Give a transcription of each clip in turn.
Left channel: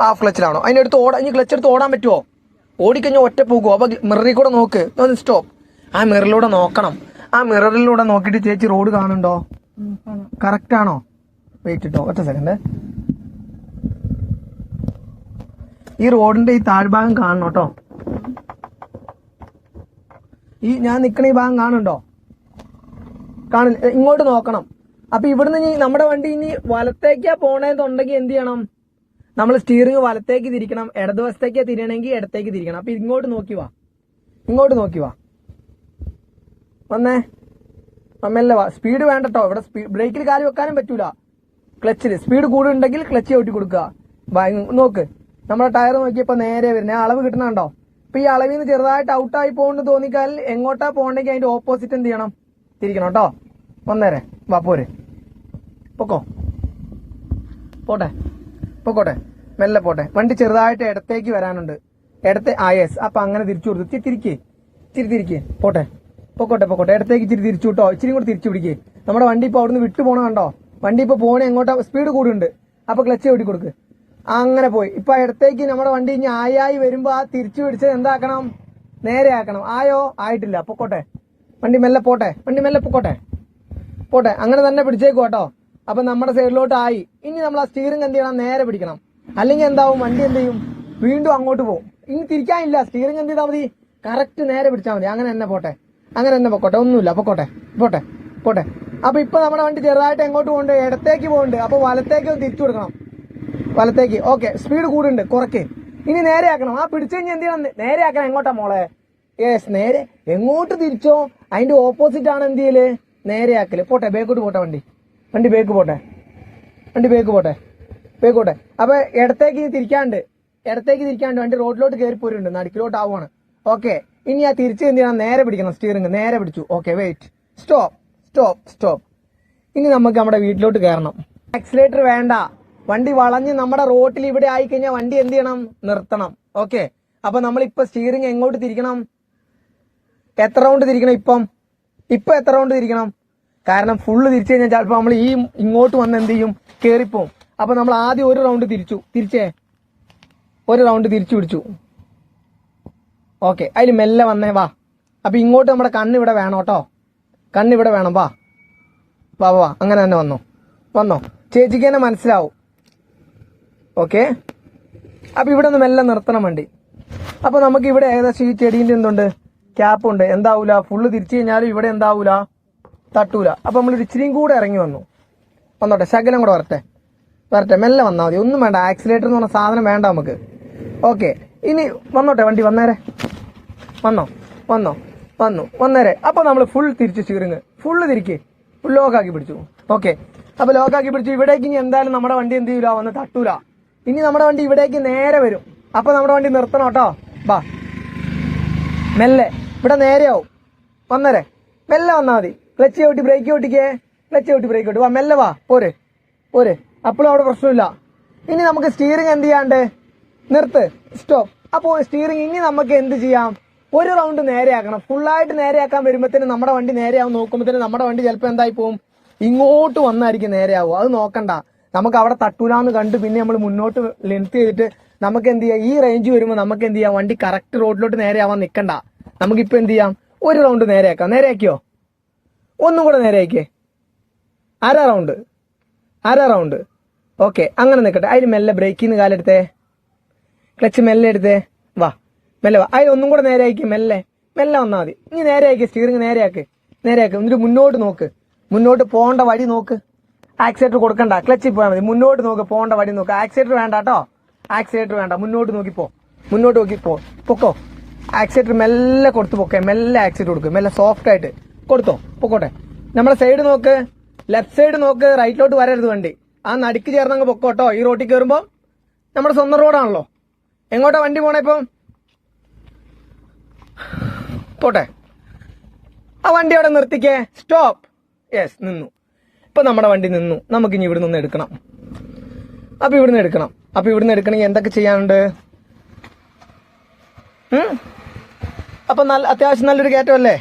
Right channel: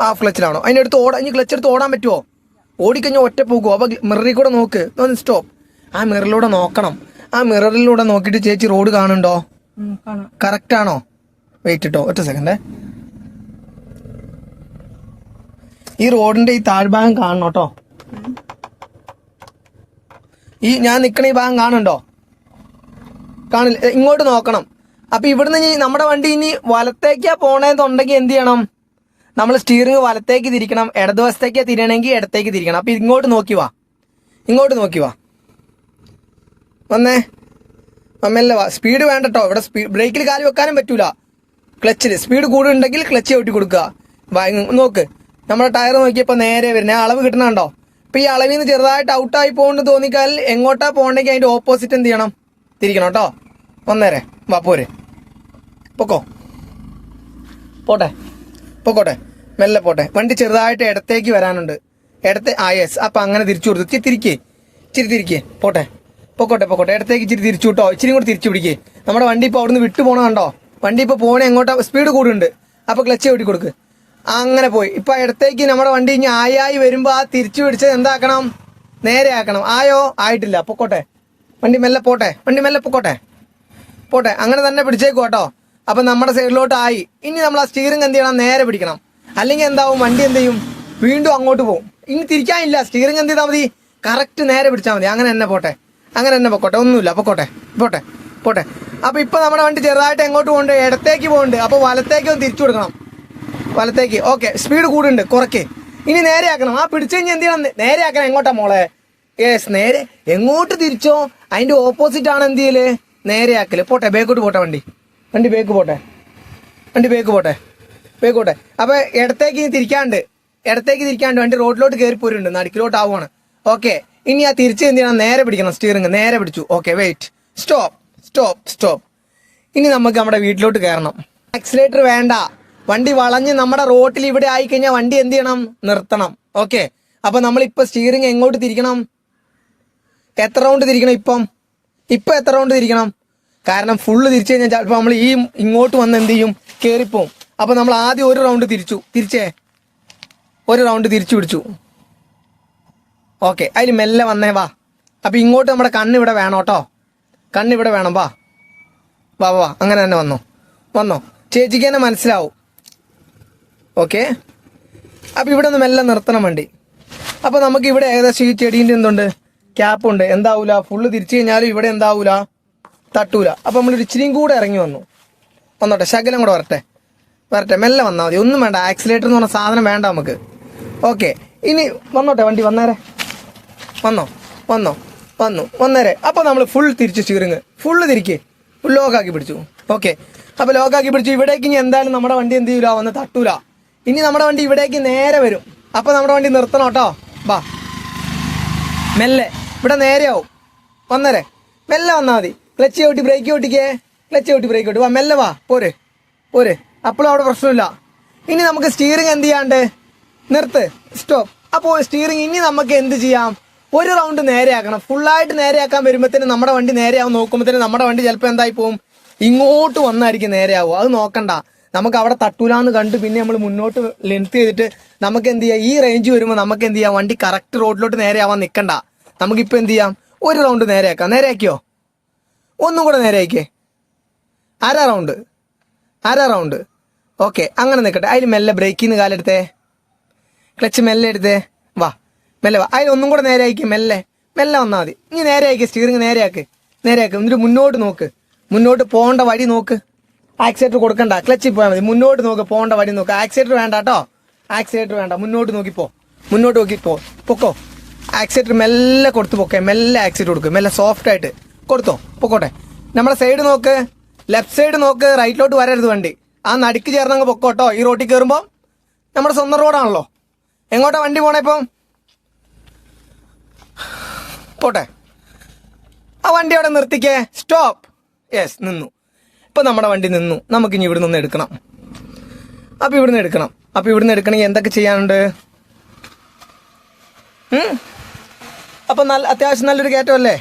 Half ക്ലച്ചിലാണോ? അതിൻ്റെ അടുത്ത് ഇനി ക്ലച്ച് എടുത്ത് ഓടാൻ പറ്റുമോ? ഓടിക്കഴിഞ്ഞാൽ ഒറ്റ പോകുമോ? അപ്പോൾ മിററിൽ കൂടെ നോക്ക്, ഒന്ന് സ്റ്റോപ്പ്. ആ മിററിലൂടെ നോക്കണം. ആ മിററിലൂടെ നോക്കിയിട്ട് ചേച്ചി റോഡ് കാണുന്നുണ്ടോ? കറക്റ്റ് ആണോ? വെയിറ്റ് ഇട്ടോ, ഒറ്റ സെക്കൻഡ്. ഈ റോഡിന്റെ ഈ താഴ്ഭാഗം കാണണം കേട്ടോ. ഈ ഞാൻ നിൽക്കണ ഈ ഭാഗം കാണുന്നുണ്ടോ? കാണില്ല. ഇങ്ങോട്ട് നോക്കണം. അപ്പൊ ഇവിടുന്ന് ഇനി നമ്മുടെ വണ്ടി ഇനി വലത്തേക്കാ പോണേന്നുണ്ടെങ്കിൽ എന്ത് ചെയ്യണം? നമ്മൾ സ്റ്റിയറിംഗ് വലത്തേക്ക് തിരിക്കണം. ഇടതുവശത്തേക്കാ തിരിയണമെങ്കിൽ ഇടത്തേക്ക് തിരിക്കണം. അപ്പൊ ഇങ്ങോട്ട് നോക്കി വാ, ഇങ്ങോട്ട് നോക്കി വാ. വന്നേ, മെല്ലെ വാ. സ്പീഡ് വേണ്ട കേട്ടോ. ഇവിടെ ബ്രേക്കിൽ കാല് വെക്കാനും പറ്റൂല. ക്ലച്ചിൽ സ്പീഡ് കൂടുതലുണ്ടെങ്കിൽ ക്ലച്ച് ചവിട്ടി കൊടുക്കുക. നോക്ക്, നമ്മുടെ ടയർ നോക്കിയപ്പോൾ നേരെ വരുന്നത് അളവ് കിട്ടണുണ്ടോ? ഇപ്പൊ ഈ അളവിൽ നിന്ന് ചെറുതായിട്ട് ഔട്ടായി പോകുന്നു തോന്നിക്കാൽ എങ്ങോട്ടാ പോകണമെങ്കിൽ അതിന്റെ ഓപ്പോസിറ്റ് എന്ത് ചെയ്യണം? തിരിക്കണം കേട്ടോ. വന്നേരെ വാ, പോരെ, പൊക്കോ, പോട്ടെ, പൊക്കോട്ടെ, മെല്ലെ പോട്ടെ. വണ്ടി ചെറുതായിട്ട് ഇടത്തേക്ക് വരാനുണ്ട്. യെസ്. അപ്പൊ അങ്ങനെ തിരിച്ചു കൊടുത്തു. ഇച്ചിരി തിരിക്കേ, പോട്ടെ, പൊക്കോട്ടെ, ഇടത്തേക്ക് ഇച്ചിരി തിരിച്ചു കിട്ടോ. ഇച്ചിരി കൂടി തിരിച്ചു പിടിക്കേ. നമ്മുടെ വണ്ടി ഇപ്പോൾ അവിടുന്ന് വിട്ടു പോകണോ? വണ്ടി ഇപ്പോൾ പോകണേ എങ്ങോട്ടാ? സ്പീഡ് കൂടുന്നുണ്ട്. അപ്പൊ ക്ലച്ച് ഓടി കൊടുക്ക്. അങ്ങനെ പോയി. ഇപ്പൊ ഇടത്തേക്ക് നമ്മുടെ വണ്ടി ഇനി ആയി വരുമ്പോ ആ തിരിച്ചു പിടിച്ചത് എന്താക്കണം? നേരെ ആക്കണം. ആയോ? ആയിട്ടില്ല. പൊക്കോട്ടെ, വണ്ടി മെല്ലെ പോട്ടെ, പോട്ടെ. അങ്ങനെ തന്നെ പിടിച്ചേക്കും കേട്ടോ. അപ്പൊ നമ്മുടെ സൈഡിലോട്ട് ആയി. ഇനി നമ്മൾ ആ സ്റ്റിയറിംഗ് എന്ത് ചെയ്യണം? നേരെ പിടിക്കണം. അല്ലെങ്കിൽ എന്താവും? വണ്ടി എന്ത് ചെയ്യും? വീണ്ടും അങ്ങോട്ട് പോകും. ഇനി തിരിക്കാനില്ല. സ്റ്റിയറിംഗ് എന്ത് ചെയ്താൽ മതി? കറക്റ്റ് നേരെ പിടിച്ചാൽ മതി. അങ്ങനെ തന്നെ പോട്ടെ, പൊക്കോട്ടെ. ഒന്നുമില്ല, പോട്ടെ. അപ്പൊ ഇപ്പൊ നമ്മുടെ വണ്ടി ചെറുതായിട്ട് എങ്ങോട്ട് പോകണ്ട്? ഇടത്തേക്ക് പോകുന്നുണ്ട്. അപ്പൊ വലത്തേക്ക് ഒന്ന് തിരിച്ചു കൊടുക്കണം. വലത്തേക്ക്. ഓക്കെ, സ്പീഡ് കൂടുന്നുണ്ട്, കുറയ്ക്ക്. ഇനി നേരെ ആക്കണം. ആ പിടിച്ചു കഴിഞ്ഞാൽ എന്ത് ചെയ്യണം? നേരെ ആക്കണം. എങ്ങോട്ടാ മോളെ? യെസ്, നേരെ. എങ്ങോട്ട് തിരിച്ചോ അതിന്റെ ഓപ്പോസിറ്റ് ആണ് എന്ത് ചെയ്യല്? നേരെ ആക്കല്. പോട്ടെ, ബേക്കോട്ട് പോട്ടെ. വണ്ടി ബേക്ക് പോട്ടെ. അപ്പൊ ഇടത്തേക്ക് തിരിക്കാണ്ട് വണ്ടി റോഡിലോട്ട് കയറി പോരുന്നുണ്ട്. നടുക്കിലോട്ട് ആവുകയാണ്. ഓക്കെ, ഇനി ആ തിരിച്ച് എന്ത് ചെയ്യണം? നേരെ പിടിക്കണം. സ്റ്റിയറിംഗ് നേരെ പിടിച്ചു. Okay, wait, stop. ഇനി നമുക്ക് നമ്മുടെ വീട്ടിലോട്ട് കയറണം. ആക്സിലേറ്റർ വേണ്ട. വണ്ടി വളഞ്ഞ് നമ്മുടെ റോട്ടിൽ ഇവിടെ ആയിക്കഴിഞ്ഞാൽ വണ്ടി എന്ത് ചെയ്യണം? നിർത്തണം. ഓക്കെ, അപ്പൊ നമ്മളിപ്പോ സ്റ്റിയറിംഗ് എങ്ങോട്ട് തിരിക്കണം? എത്ര റൗണ്ട് തിരിക്കണം? ഇപ്പൊ എത്ര റൗണ്ട് തിരിക്കണം? കാരണം ഫുള്ള് തിരിച്ചു കഴിഞ്ഞാൽ ചിലപ്പോൾ നമ്മൾ ഈ ഇങ്ങോട്ട് വന്ന് എന്ത് ചെയ്യും? കയറിപ്പോവും. അപ്പൊ നമ്മൾ ആദ്യം ഒരു റൗണ്ട് ഒരു റൗണ്ട് തിരിച്ചു പിടിച്ചു. ഓക്കെ, അതിൽ മെല്ലെ വന്നേ വാ. അപ്പൊ ഇങ്ങോട്ട് നമ്മുടെ കണ്ണിവിടെ വേണം കേട്ടോ. കണ്ണിവിടെ വേണം. വാ. അങ്ങനെ തന്നെ വന്നോ. ചേച്ചിക്ക് തന്നെ മനസ്സിലാവും. ഓക്കെ, അപ്പൊ ഇവിടെ ഒന്ന് മെല്ലെ നിർത്തണം വണ്ടി. അപ്പൊ നമുക്ക് ഇവിടെ ഏകദേശം ഈ ചെടീൻ്റെ എന്തുണ്ട്? ക്യാപ്പുണ്ട്. എന്താവൂല? ഫുള്ള് തിരിച്ചു കഴിഞ്ഞാലും ഇവിടെ എന്താവൂല? തട്ടൂല. അപ്പൊ നമ്മൾ ഇച്ചിരിയും കൂടെ ഇറങ്ങി വന്നോട്ടെ. ശകലം കൂടെ വരട്ടെ. മെല്ലെ വന്നാൽ മതി. ഒന്നും വേണ്ട. ആക്സിലേറ്റർ എന്ന് പറഞ്ഞ സാധനം വേണ്ട നമുക്ക്. ഓക്കെ, ഇനി വന്നോട്ടെ. വണ്ടി വന്നേരെ. വന്നേരെ. അപ്പൊ നമ്മൾ ഫുൾ തിരിച്ച് സ്റ്റിയറിംഗ് ഫുള്ള് തിരിക്കേ. ലോക്കാക്കി പിടിച്ചു. ഓക്കെ, അപ്പൊ ലോക്കാക്കി പിടിച്ചു. ഇവിടേക്ക് ഇനി എന്തായാലും നമ്മുടെ വണ്ടി എന്ത് ചെയ്യൂല? വന്ന് തട്ടൂല. ഇനി നമ്മുടെ വണ്ടി ഇവിടേക്ക് നേരെ വരും. അപ്പൊ നമ്മുടെ വണ്ടി നിർത്തണം കേട്ടോ. ബാ, മെല്ലെ. ഇവിടെ നേരെയാവും. വന്നേരെ. മെല്ലെ വന്നാൽ മതി. ക്ലച്ച് ചവിട്ടി ബ്രേക്ക് ചവിട്ടി. വാ, മെല്ലെ വാ. പോരെ. അപ്പോഴും അവിടെ പ്രശ്നമില്ല. ഇനി നമുക്ക് സ്റ്റിയറിംഗ് എന്ത് ചെയ്യാണ്ട്? നിർത്ത്, സ്റ്റോപ്പ്. അപ്പോൾ സ്റ്റിയറിംഗ് ഇനി നമുക്ക് എന്ത് ചെയ്യാം? ഒരു റൗണ്ട് നേരെയാക്കണം. ഫുള്ളായിട്ട് നേരെയാക്കാൻ വരുമ്പോഴത്തേനും നമ്മുടെ വണ്ടി നേരെയാവും. നോക്കുമ്പോഴത്തേനും നമ്മുടെ വണ്ടി ചിലപ്പോൾ എന്തായി പോവും? ഇങ്ങോട്ട് വന്നായിരിക്കും നേരെയാവും. അത് നോക്കണ്ട. നമുക്ക് അവിടെ തട്ടൂലാന്ന് കണ്ട് പിന്നെ നമ്മൾ മുന്നോട്ട് ലെങ്ത് ചെയ്തിട്ട് നമുക്ക് എന്ത് ചെയ്യാം? ഈ റേഞ്ച് വരുമ്പോൾ നമുക്ക് എന്ത് ചെയ്യാം? വണ്ടി കറക്റ്റ് റോഡിലോട്ട് നേരെയാവാൻ നിൽക്കണ്ട. നമുക്കിപ്പോൾ എന്ത് ചെയ്യാം? ഒരു റൗണ്ട് നേരെയാക്കാം. നേരെയാക്കിയോ? ഒന്നും കൂടെ നേരെയാക്കിയേ. അര റൗണ്ട്. ഓക്കെ, അങ്ങനെ നിൽക്കട്ടെ. അതിൽ മെല്ലെ ബ്രേക്കിൽ നിന്ന് കാലെടുത്തേ. ക്ലച്ച് മെല്ലെ എടുത്തേ. വാ, മെല്ലെ വാ. അതിൽ കൂടെ നേരെയാക്കി. മെല്ലെ വന്നാൽ മതി. ഇനി നേരെയാക്കി. സ്റ്റിയറിംഗ് നേരെയാക്ക്. എന്നിട്ട് മുന്നോട്ട് നോക്ക്. മുന്നോട്ട് പോകേണ്ട വഴി നോക്ക്. ആക്സിലേറ്റർ കൊടുക്കണ്ട. ക്ലച്ചിൽ പോയാൽ മതി. മുന്നോട്ട് നോക്ക്. പോകേണ്ട വഴി നോക്ക്. ആക്സിലേറ്റർ വേണ്ട കേട്ടോ. മുന്നോട്ട് നോക്കിപ്പോ. പൊക്കോ. ആക്സിലേറ്റർ മെല്ലെ കൊടുത്ത് പൊക്കെ. മെല്ലെ ആക്സിലേറ്റർ കൊടുക്കുക. മെല്ലെ സോഫ്റ്റ് ആയിട്ട് കൊടുത്തോ. പൊക്കോട്ടെ. നമ്മുടെ സൈഡ് നോക്ക്. ലെഫ്റ്റ് സൈഡ് നോക്ക്. റൈറ്റിലോട്ട് വരരുത് വണ്ടി. ആ നടുക്ക് ചേർന്നങ്ങ് പൊക്കോട്ടോ. ഈ റോട്ടിൽ കയറുമ്പോൾ നമ്മുടെ സ്വന്തം റോഡാണല്ലോ. എങ്ങോട്ടാ വണ്ടി പോണേ ഇപ്പം? പോട്ടെ. ആ വണ്ടി അവിടെ നിർത്തിക്കേ. സ്റ്റോപ്പ്. യെസ്, നിന്നു. ഇപ്പം നമ്മുടെ വണ്ടി നിന്നു. നമുക്കിനി ഇവിടെ നിന്ന് എടുക്കണം. അപ്പോൾ ഇവിടുന്ന് എടുക്കണമെങ്കിൽ എന്തൊക്കെ ചെയ്യാനുണ്ട്? അപ്പം അത്യാവശ്യം നല്ലൊരു കയറ്റമല്ലേ?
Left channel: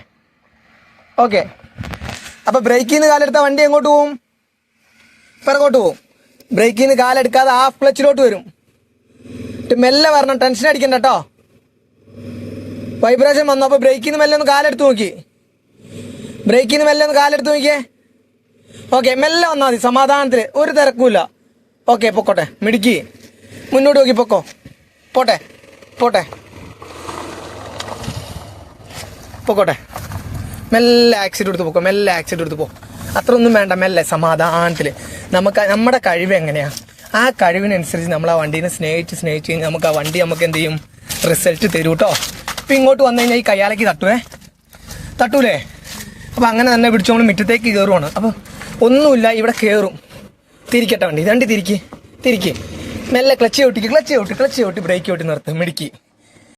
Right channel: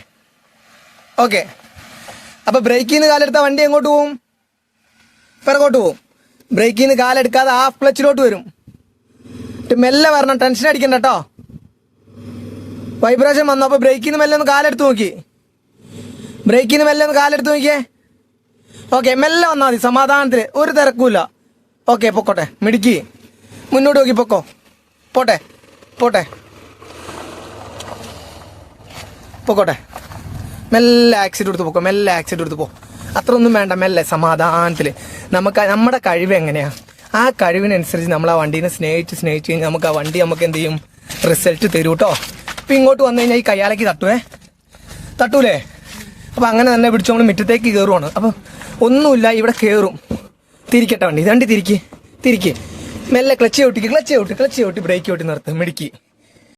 ഓക്കെ, അപ്പോൾ ബ്രേക്കിൽ നിന്ന് കാലെടുത്താൽ വണ്ടി എങ്ങോട്ട് പോവും? പിറകോട്ട് പോവും. ബ്രേക്കിൽ നിന്ന് കാലെടുക്കാതെ ഹാഫ് ക്ലച്ചിലോട്ട് വരും. മെല്ലെ വരണം, ടെൻഷൻ അടിക്കണ്ട കേട്ടോ. വൈബ്രേഷൻ വന്നു. അപ്പൊ ബ്രേക്കിൽ നിന്ന് മെല്ലെ ഒന്ന് കാലെടുത്ത് നോക്കി. ബ്രേക്കിൽ നിന്ന് മെല്ലെ ഒന്ന് കാലെടുത്ത് നോക്കിയേ. ഓക്കെ, മെല്ലെ വന്നാൽ മതി, സമാധാനത്തിൽ, ഒരു തിരക്കുമില്ല. ഓക്കെ, പൊക്കോട്ടെ, മിടുക്കി, മുന്നോട്ട് നോക്കി പൊക്കോ. പോട്ടെ പോട്ടെ പൊക്കോട്ടെ. മെല്ലെ ആക്സിഡന്റ് എടുത്ത് പൊക്കോ, മെല്ലെ ആക്സിഡന്റ് എടുത്ത് പോ. അത്ര ഒന്നും വേണ്ട, മെല്ലെ സമാധാനത്തിൽ. നമ്മുടെ കഴിവ് എങ്ങനെയാ, ആ കഴിവിനനുസരിച്ച് നമ്മൾ ആ വണ്ടീനെ സ്നേഹിച്ച് കഴിഞ്ഞാൽ നമുക്ക് ആ വണ്ടി നമുക്ക് എന്ത് ചെയ്യും, റിസൾട്ട് തരൂ കേട്ടോ. അപ്പം ഇങ്ങോട്ട് വന്നു കഴിഞ്ഞാൽ ഈ കയ്യാലേക്ക് തട്ടൂലേ? അപ്പം അങ്ങനെ തന്നെ പിടിച്ച് നമ്മൾ മുറ്റത്തേക്ക് കയറുവാണ്. അപ്പം ഒന്നുമില്ല, ഇവിടെ കയറും. തിരിക്കട്ടെ വണ്ടി, തിരിക്ക്. മെല്ലെ ക്ലച്ച് ചവിട്ടി ബ്രേക്ക് ചവിട്ടി നിർത്തും, മിടുക്കി.